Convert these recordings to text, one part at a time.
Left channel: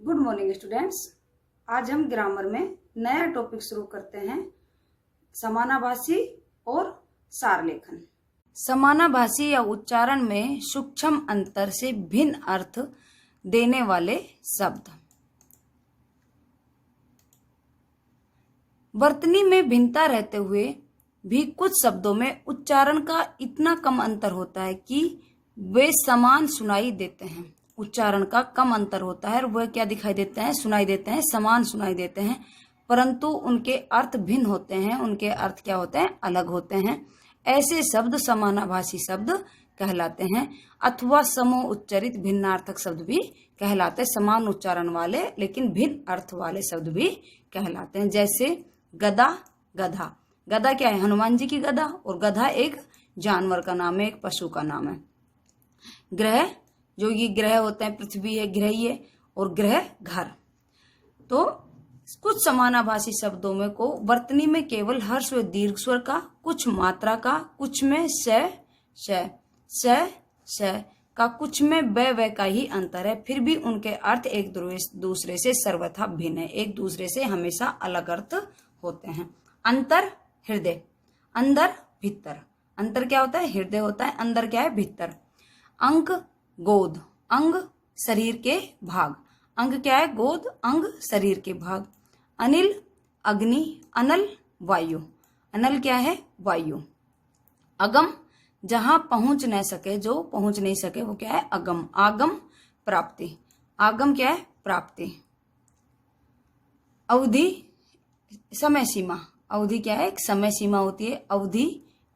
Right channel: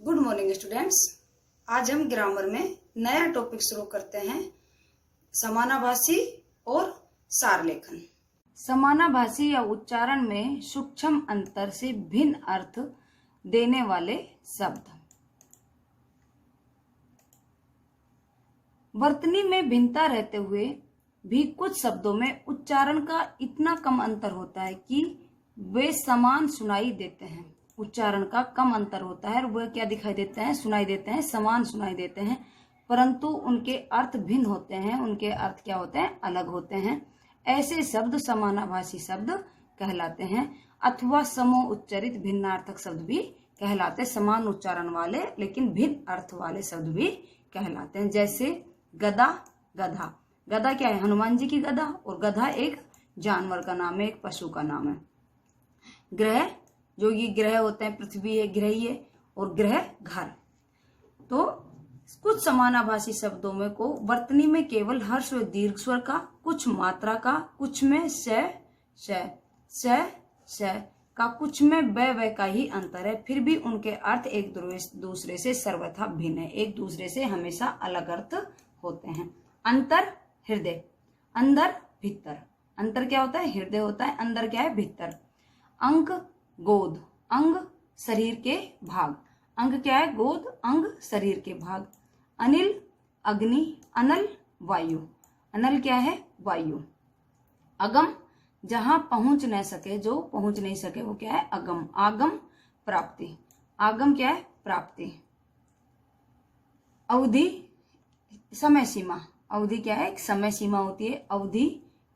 Good morning students. आज हम grammar में नया टॉपिक शुरू करते हैं, समानाभासी और सार लेखन। समानाभासी या उच्चारण में सूक्ष्म अंतर से भिन्न अर्थ देने वाले शब्द। वर्तनी में भिन्नता रहते हुए भी कुछ शब्दों में उच्चारण का इतना कम अंतर होता है कि वे समान सुनाई देते हैं। उच्चारण का कम अंतर होता है और वह क्या दिखाई देते हैं, सुनाई देते हैं, समान सुनाई देते हैं, परंतु उनके अर्थ भिन्न होते हैं। उनके अर्थ क्या होते हैं, अलग होते हैं। ऐसे शब्द समानाभासी शब्द कहलाते हैं अथवा समूह उच्चरित भिन्नार्थक शब्द भी कहलाते हैं। समान उच्चारण वाले लेकिन भिन्न अर्थ वाले शब्द भी कहलाते हैं। जैसे गदा, गधा। गदा क्या है, हनुमान जी की गदा, और गधा एक जानवर का नाम है, एक पशु का नाम है। ग्रह, जो ये ग्रह होते हैं, पृथ्वी है, ग्रह है, और ग्रह घर। तो कुछ समानाभासी शब्दों में को वर्तनी में केवल हर्ष व दीर्घ स्वर का, कुछ मात्रा का, कुछ में स का, कुछ में व का ही अंतर है। फिर भी उनके अर्थ एक दूसरे से सर्वथा भिन्न है, एक दूसरे से हमेशा अलग अर्थ होते हैं। अंतर, हृदय, अंदर, भीतर। अंतर क्या होता है, हृदय होता है, अंदर क्या है, भीतर। अंग, गोद, अंग शरीर के भाग। अंग क्या है, गोद, अंग शरीर के भाग। अनिल, अग्नि, अनल वायु। अनल क्या है, वायु। अगम, जहां पहुंच न सके, जो पहुंच नहीं सके वो क्या है, अगम। आगम, प्राप्ति। आगम क्या है, प्राप्ति। अवधि, समय सीमा। अवधि क्या है, एक समय सीमा होती है। अवधि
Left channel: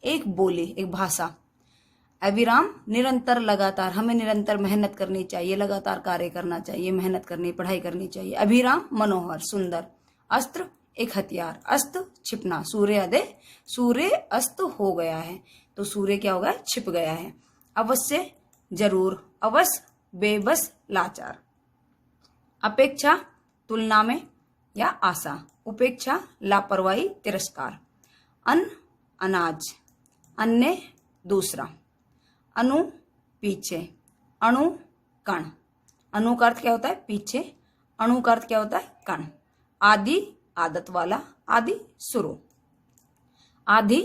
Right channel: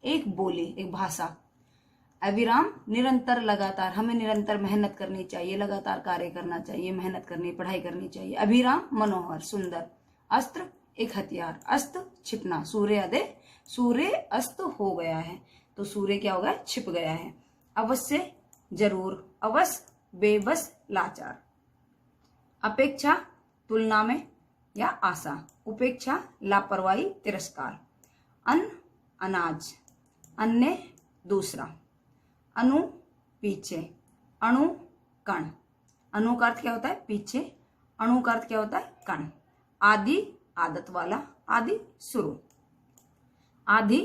एक बोली, एक भाषा। अविराम, निरंतर, लगातार। हमें निरंतर मेहनत करनी चाहिए, लगातार कार्य करना चाहिए, मेहनत करनी, पढ़ाई करनी चाहिए। अभिराम, मनोहर, सुंदर। अस्त्र, एक हथियार। अस्त, छिपना। सूर्योदय, सूर्य अस्त हो गया है, तो सूर्य क्या होगा, छिप गया है। अवश्य, जरूर। अवश्य, बेबस, लाचार। अपेक्षा, तुलना में या आशा। उपेक्षा, लापरवाही, तिरस्कार। अन्न, अनाज। अन्य, दूसरा। अनु, पीछे। अणु, कण। अणु का अर्थ क्या होता है, पीछे। अणु का अर्थ क्या होता है, कण। आदि, आदत वाला। आदि, शुरू। आधि,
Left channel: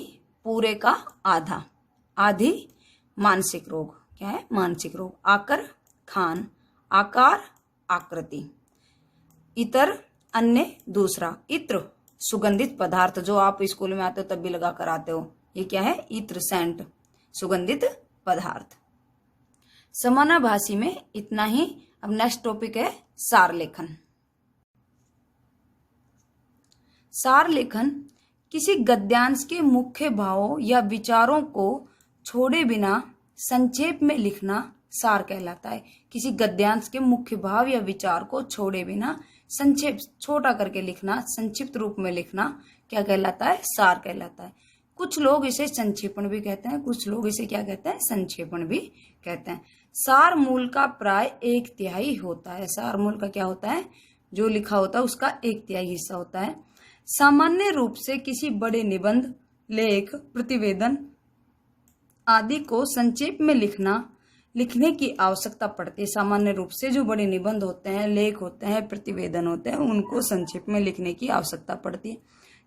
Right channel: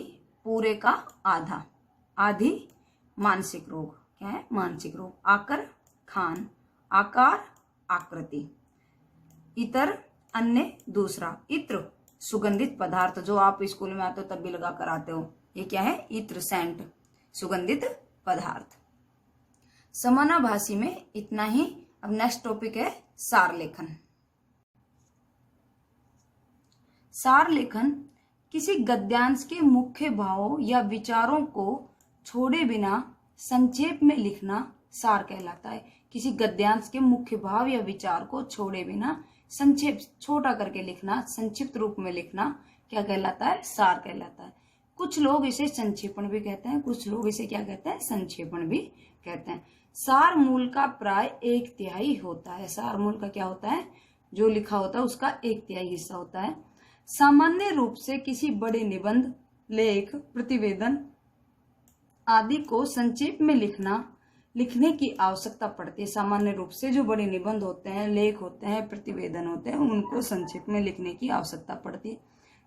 पूरे का आधा। आधि, मानसिक रोग। क्या है, मानसिक रोग। आकर, खान। आकार, आकृति। इतर, अन्य, दूसरा। इत्र, सुगंधित पदार्थ, जो आप स्कूल में आते हो तब भी लगा कर आते हो। ये क्या है, इत्र, सेंट, सुगंधित पदार्थ। समानाभासी में इतना ही। अब नेक्स्ट टॉपिक है सार लेखन। सार लेखन किसी गद्यांश के मुख्य भावों या विचारों को छोड़े बिना संक्षेप में लिखना सार कहलाता है। किसी गद्यांश के मुख्य भाव या विचार को छोड़े बिना संक्षेप, छोटा करके लिखना, संक्षिप्त रूप में लिखना क्या कहलाता है, सार कहलाता है। कुछ लोग इसे संक्षेपण भी कहते हैं, कुछ लोग इसे क्या कहते हैं, संक्षेपण भी कहते हैं। सार मूल का प्राय 1/3 होता है। सार मूल का क्या होता है, जो लिखा होता है उसका 1/3 हिस्सा होता है। सामान्य रूप से किसी बड़े निबंध, लेख, प्रतिवेदन आदि को संक्षेप में लिखने की आवश्यकता पड़ती है। सामान्य रूप से जो बड़े निबंध होते हैं, लेख होते हैं, प्रतिवेदन होते हैं, उनको संक्षेप में लिखने की आवश्यकता पड़ती है,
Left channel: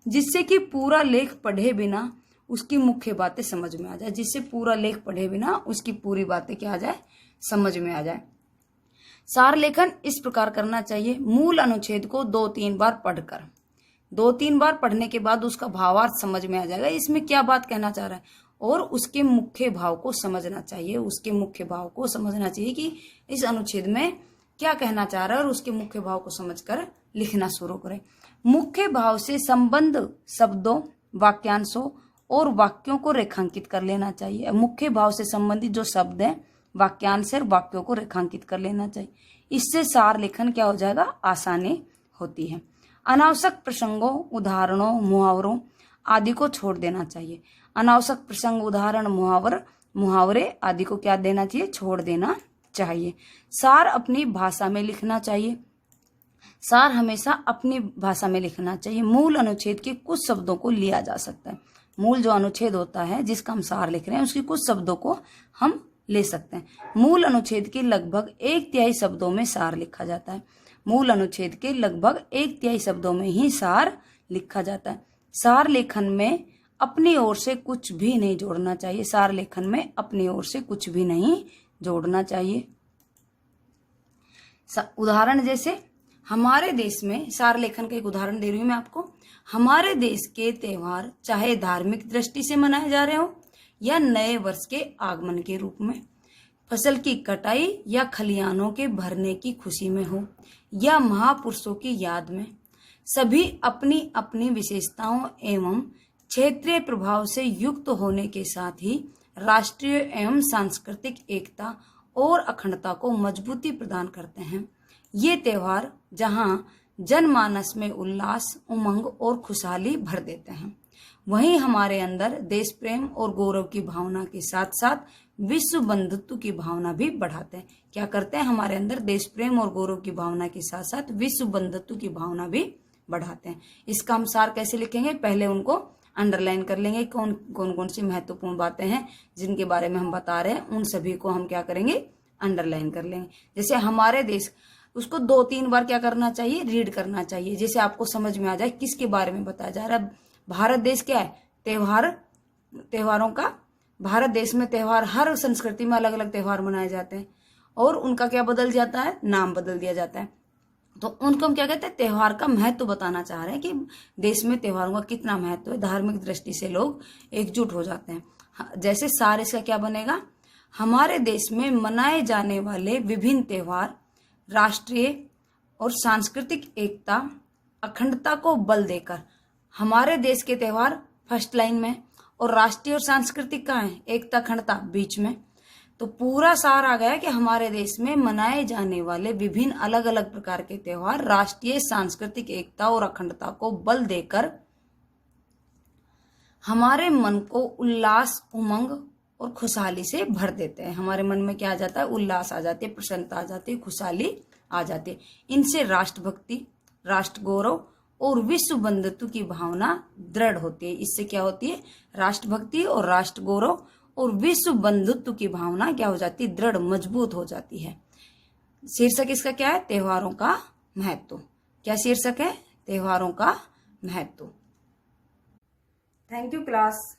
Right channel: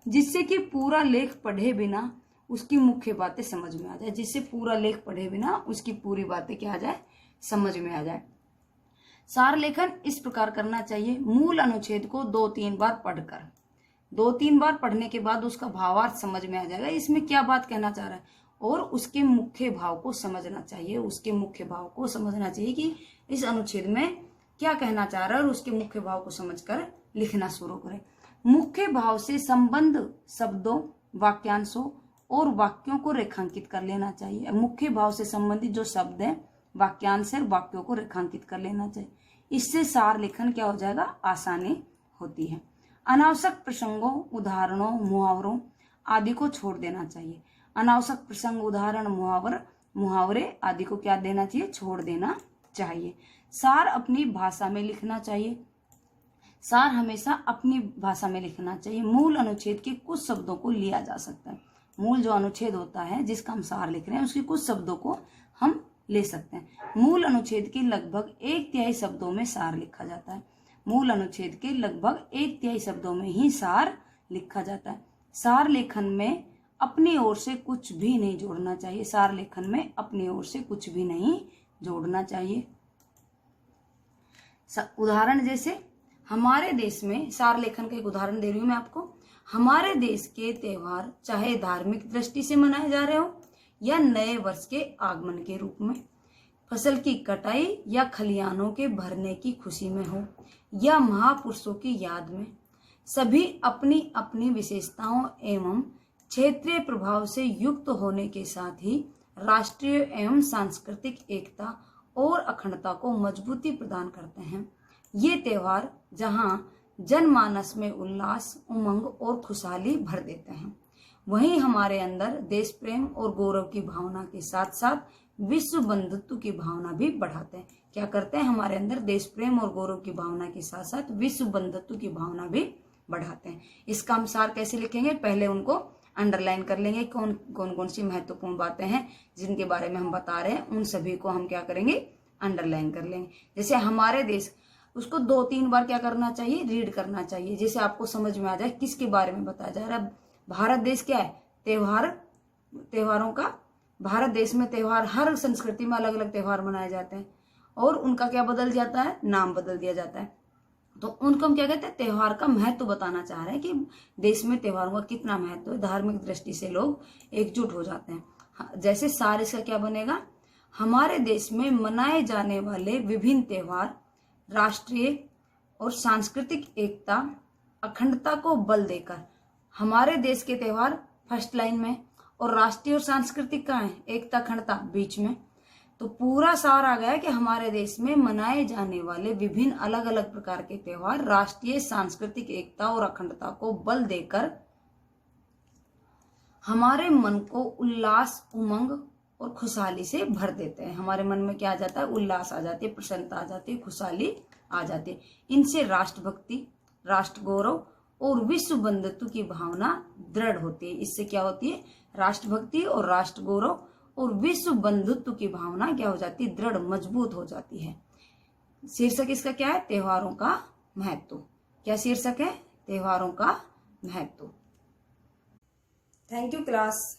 जिससे कि पूरा लेख पढ़े बिना उसकी मुख्य बातें समझ में आ जाए। जिससे पूरा लेख पढ़े बिना उसकी पूरी बातें क्या आ जाए, समझ में आ जाए। सार लेखन इस प्रकार करना चाहिए। मूल अनुच्छेद को 2-3 बार पढ़कर, 2-3 बार पढ़ने के बाद उसका भावार्थ समझ में आ जाएगा, इसमें क्या बात कहना चाह रहा है, और उसके मुख्य भाव को समझना चाहिए। उसके मुख्य भाव को समझना चाहिए कि इस अनुच्छेद में क्या कहना चाह रहा है, और उसके मुख्य भाव को समझकर लिखना शुरू करें। मुख्य भाव से संबंध शब्दों, वाक्यांशों और वाक्यों को रेखांकित कर लेना चाहिए। मुख्य भाव से संबंधित जो शब्द हैं, वाक्यांश और वाक्यों को रेखांकित कर लेना चाहिए। इससे सार लेखन क्या हो जाएगा, आसानी होती है। अनावश्यक प्रसंगों, उदाहरणों, मुहावरों आदि को छोड़ देना चाहिए। अनावश्यक प्रसंग, उदाहरण, मुहावरे आदि को क्या देना चाहिए, छोड़ देना चाहिए। सार अपनी भाषा में लिखना चाहिए। सार हमेशा अपनी भाषा में लिखना चाहिए। मूल अनुच्छेद के कुछ शब्दों को लिया जा सकता है। मूल जो अनुच्छेद होता है जिसका हम सार लिख रहे हैं, उसके कुछ शब्दों को हम ले सकते हैं। मूल अनुच्छेद के लगभग 1/3 शब्दों में सार लिखा जाता है। मूल अनुच्छेद के लगभग 1/3 शब्दों में ही सार लिखा जाता है। सार लेखन में अपनी ओर से कुछ भी नहीं जोड़ना चाहिए। सार लेखन में अपनी ओर से कुछ भी नहीं जोड़ना चाहिए। उदाहरण जैसे हमारे देश में, सार लेखन का एक उदाहरण दे रही हूं मैं आपको। हमारे देश के त्योहार चाहे धार्मिक दृष्टि से मनाए जा रहे हो या नए वर्ष के आगमन के रूप में, फसल की कटाई या खलिहानों के भरने की खुशी में हो या महापुरुषों की याद में, सभी अपनी अपनी विशेषताओं एवं क्षेत्रीय प्रभाव से युक्त होने के साथ ही राष्ट्रीय एवं सांस्कृतिक एकता और अखंडता को मजबूती प्रदान करते हैं। ये त्योहार जहां जनमानस में उल्लास, उमंग और खुशहाली भर देते हैं, वहीं हमारे अंदर देश प्रेम और गौरव की भावना के साथ साथ विश्व बंधुत्व की भावना भी बढ़ाते हैं। क्या करते हैं? हमारे अंदर देश प्रेम और गौरव की भावना के साथ साथ विश्व बंधुत्व की भावना भी बढ़ाते हैं। इसका हम सार कैसे लिखेंगे? पहले उनको अंडरलाइन कर लेंगे। कौन कौन सी महत्वपूर्ण बातें हैं जिनके बारे में हम बता रहे हैं, उन सभी को हम क्या करेंगे? अंडरलाइन कर लेंगे। जैसे हमारे देश, उसको 2-3 बार क्या करना चाहिए? रीड करना चाहिए, जैसे आपको समझ में आ जाए किसके बारे में बताया जा रहा है। भारत देश क्या है? त्योहारों का भारत देश में त्योहार, हर संस्कृति में अलग अलग त्योहार मनाए जाते हैं और उनका क्या बदल जाता है? नाम बदल दिया जाता है। तो उनको हम क्या कहते हैं? त्योहार का महत्व बताना चाह रहे हैं कि देश में त्योहारों का कितना महत्व है। धार्मिक दृष्टि से लोग एकजुट हो जाते हैं। जैसे सार इसका क्या बनेगा? हमारे देश में मनाए जाने वाले विभिन्न त्योहार राष्ट्रीय और सांस्कृतिक एकता, अखंडता को बल देकर, हमारे देश के त्योहार फर्स्ट लाइन में और राष्ट्रीय और सांस्कृतिक कहाँ है? एकता, अखंडता बीच में। तो पूरा सार आ गया कि हमारे देश में मनाए जाने वाले विभिन्न अलग अलग प्रकार के त्योहार राष्ट्रीय सांस्कृतिक एकता और अखंडता को बल देकर हमारे मन को उल्लास, उमंग और खुशहाली से भर देते हैं। हमारे मन में क्या आ जाता है? उल्लास आ जाती है, प्रसन्नता आ जाती है, खुशहाली आ जाती है। इनसे राष्ट्रभक्ति, राष्ट्र गौरव और विश्व बंधुत्व की भावना दृढ़ होती है। इससे क्या होती है? राष्ट्रभक्ति और राष्ट्र गौरव और विश्व बंधुत्व की भावना क्या हो जाती है? दृढ़, मजबूत हो जाती है। शीर्षक इसका क्या है? त्योहारों का महत्व। क्या शीर्षक है? त्योहारों का महत्व। Thank you class.